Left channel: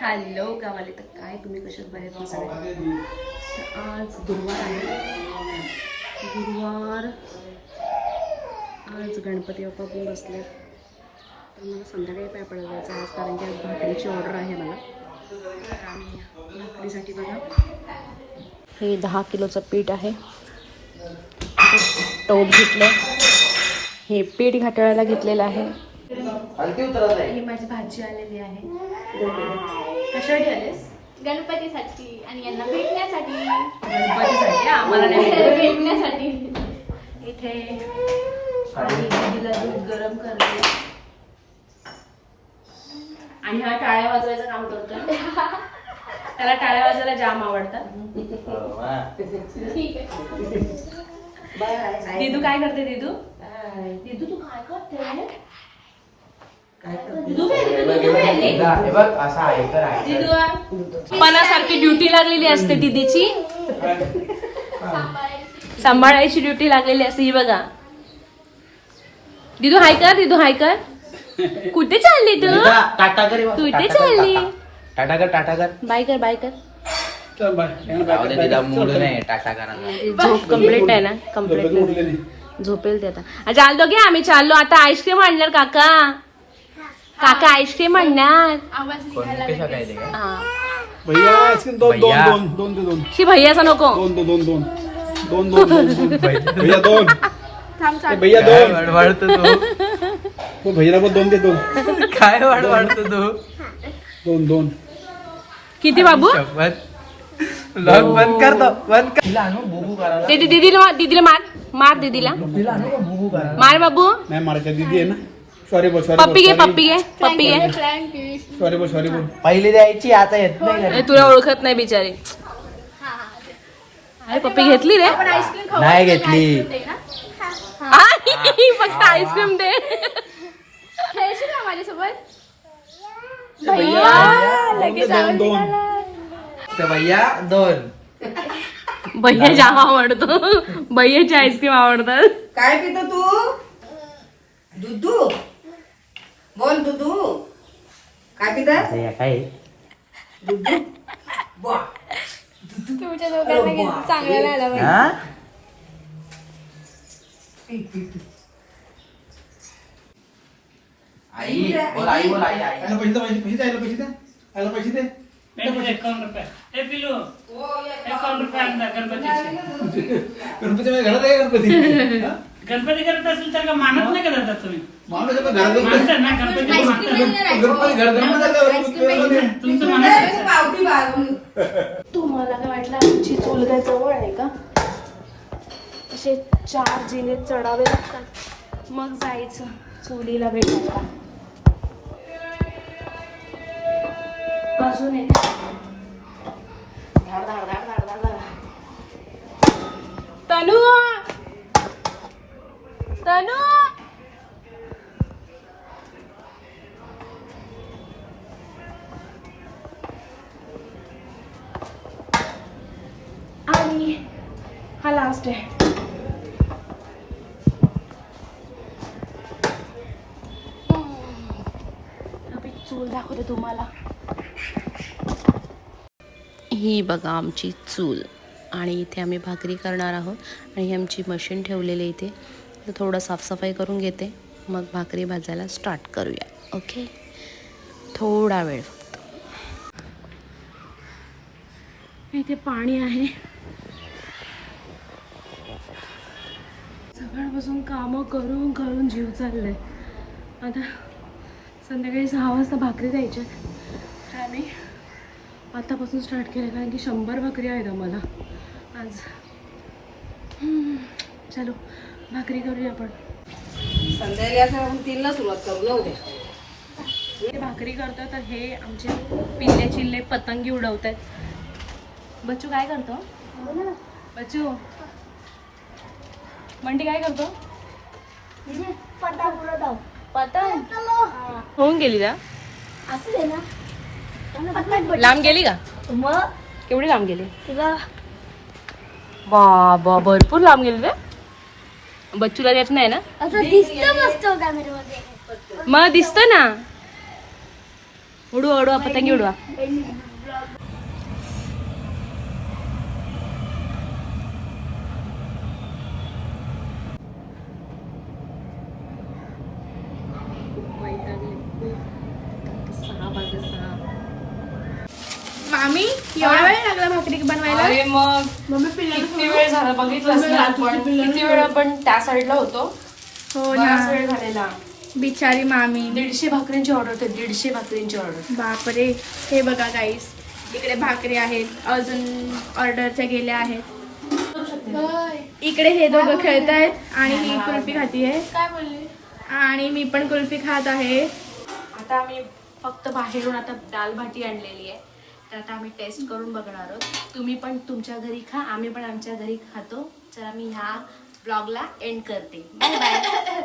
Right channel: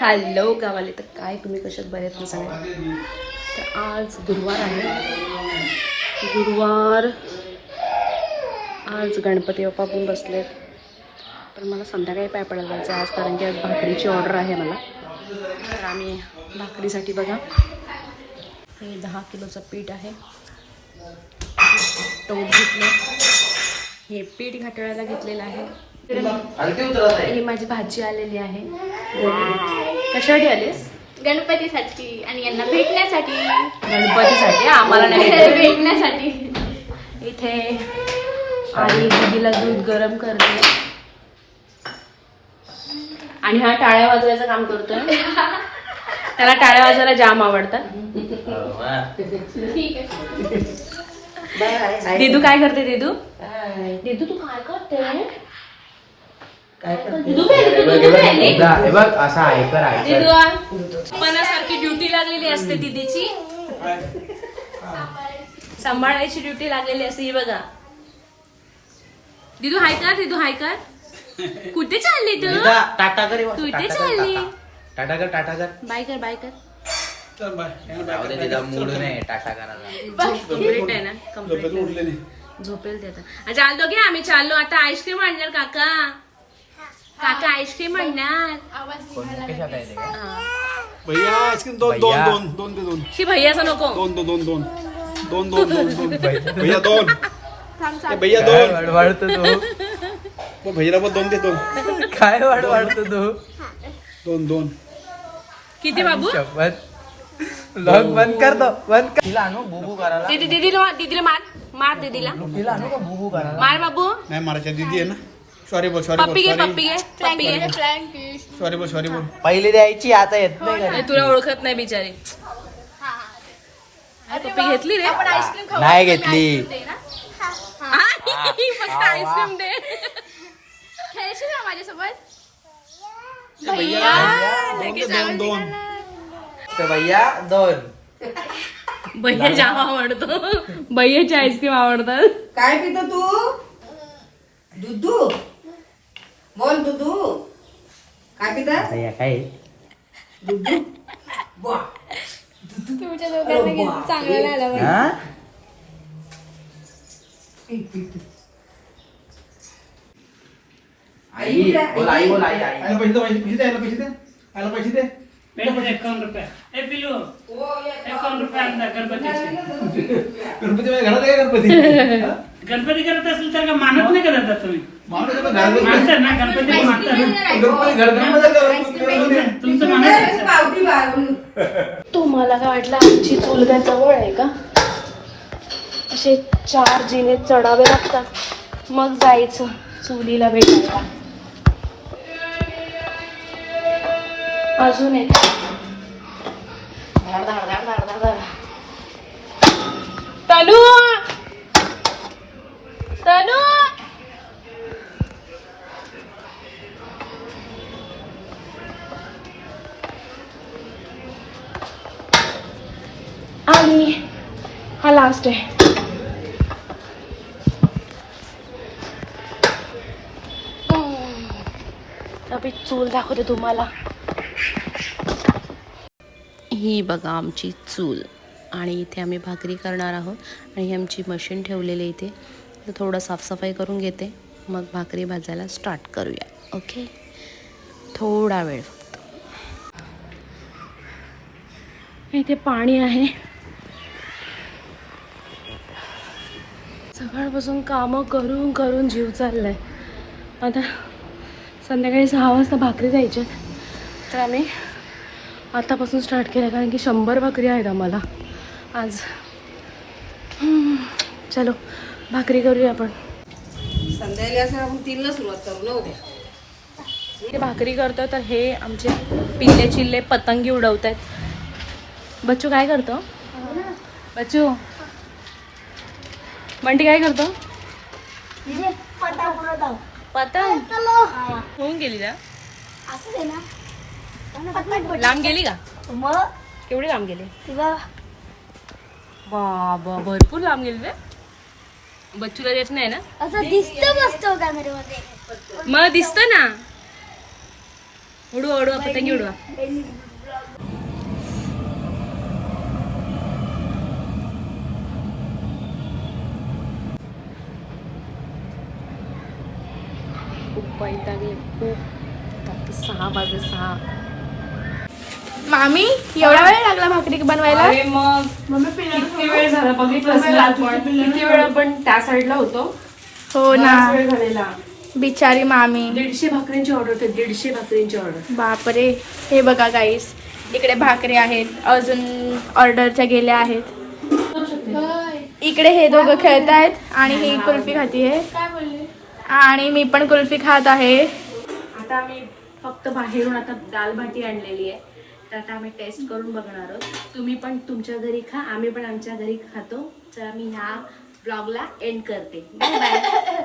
Hello गावाले तर काय तुम्ही कशात बरे आहेत ना सगळे तर आज गुरुवार आहे. गुरुवार आज गणपती बाप्पा पण बसले तर मला संध्याकाळी पाय पडायला जायचं आज कारण की आज भाकरीची ऑर्डर आहे मला. तर आम्ही भाकरीसाठी बघा. हे दहा किलोचं पीठ आहे. टोप घेतलं. हे पीठ घाटाळायला घेतलेलं आहे. ही माझी भाजी आलेली आहे. कशासाठी आलीस? गणपतीसाठी आणि यांना भेटण्यासाठी. गणपतीसाठी? आम्हाला नाही. भेटण्यासाठी. इथे आई दीदीला दूध गरम करते. आणि हा टाळ्या वाजवायचं काम करतोय. त्याला टाळ्या वाजवायला जाम आवडतात. ठीक आहे. दिदू काय करते दिदू? दिदू तू काय करते दिदू गेली, दिदू गेली. हे बघ असा ऐकर ऐकर दिदू पणासारखी ड्युटी लागलेली असते दीदीची. सांभाळायची ड्युटी लागलेली असते ही बघा. दिदू हाय कर दिदू हाय कर. कुठे चालली तू? टाटा कर तू इथे चालली? टाटा. कर टाटा कर. बाय कर बाय कर. झोप कंप्लीट आहे ना? कंप्लीट झोपेल ते आता. आ, चालतो की आम्ही चाललो. आता आईस्क्रीम आणणार काका. काका आईस्क्रीम आणणार. भैया आईस्क्रीम दोन दोन दोन दोन दे दोन. शी भैयाचा नको. दोन दो दोन दोन. दोन दोन दोन दोन. भैया. दोन. ए, भैया दोन. मग भैयाला पण दोन दे दोन. काय तू? दोन दोन. किती बाबू? बंद कर तो बंद कर. तिला आणू बुबू करायला. दीदी दीदीला दीदीला मार मार दीदीला मार बाबू. नाही मारायच्या दीदी आहे ना. सॉरी बोल सॉरी पप्पी घे पप्पी घे पप्पी घे. सॉरी बोल सॉरी बोल पहिली द्यायची आता येत नाही अरे, तुला ओळखत नाही बिचारी. अरे पप्पी घेतली रे. आपण आईस्क्रीम खाऊ. नाही घेतली. आई, फक्त आईस्क्रीम दे. खेळशील ना माझ्यासोबत? दोन दे दोन. भैया दोन. भैया जाम आवडतो. भैयाची आईस्क्रीम आवडतात. काय पितो तू दुधू बोल दुधू काय पितात काय? तुमच्या दोघांना किती चांगलं नाही आलं हा? आई बोल आई बोल आई. आई. याला पैसे दे पैसे पैसे दे. याला पैसे दे. याला पैसे दे गणपती माझ्या घरात आहे गणपती? गणपती करत असेल तर का मानत नाही करत आहात तुम्ही? माणूस आता घरात आहे. मानतात ना गणपती मानतात तुम्हाला काय वाटलं आमची चूल काय जवळ आहे का? असे चार जिने चढावे लागतात. मग जायचं चुलीला भेटायला. अजून एक. धाड धाड धाड धाड आणि हा लास्ट आहे. अभि चूल दाखवते तुम्हाला. ही बघा आमची चूल. आणि इथे आम्ही भाकरी करणार आहोत. आणि ही आमची मशीन ठेवलेली इथे. तर थोडं साफसफाई करून घेते. मग भाकरी भाजायला स्टार्ट करूया. ओके थोडा वेळ फक्त. इथे पाणी आहे. सकाळपासून कामं करून करून जीव चाललाय. आता संध्याकाळी सहा वाजता भाकरी जायच्यात तर आम्ही आतापासून स्टार्ट केलं कारण की शंभर भाकरी आहेत आम्हाला. आज. चलो भाकरी करूया आपण. संध्याकाळी असं आपण तीनला सुरुवात करू ना उद्या हे भाकरी करतो तर हे आमचे पिल्ले चिल्ले पतंगी उडवत आहेत बच्चू काय करतो? बच्चू बंटी काय करतो? होऊन गेली का? लांब गेली का? केवढी लांब गेली. बाबा भरपूर लांब गेली रे. बच्चूला देत नाही ना? असं दिसतं ना? उडवा उडवा पतंगी उडवा. खूप वैतागले खूप. आता सहा वाजले सहा. मामी एवढा वेळ लागला भाकरी बनवायला? अरे मग किती वेळ झाला बघितलंच ना आपण. किती वेळ आपण त्या साईडला होतो? हो ना. वेळ झालेला. बिचारी मामी. दीडशे भाकरींची ऑर्डर होते. दीडशे भाकरींची ऑर्डर बापरे. हे बघा गाईस इकडे भाकरी आहेत. अजून ऑर्डरच्या गेल्या आहेत. इकडे हे दोघं खेळत आहेत आणि ही कुल्फी खाती आहे आणि मी पण कुल्फी खात आहे. आता आम्ही फक्त बाहेरून आता दाल भाटी आणलेली आहे. तर आता आम्ही टेस्ट करून बघणार आहोत. तुम्ही पण तुमच्या घरी खा आम्ही पण आमच्या घरी खातो. तर मी ह्या ब्लॉगला एंड करते. Bye bye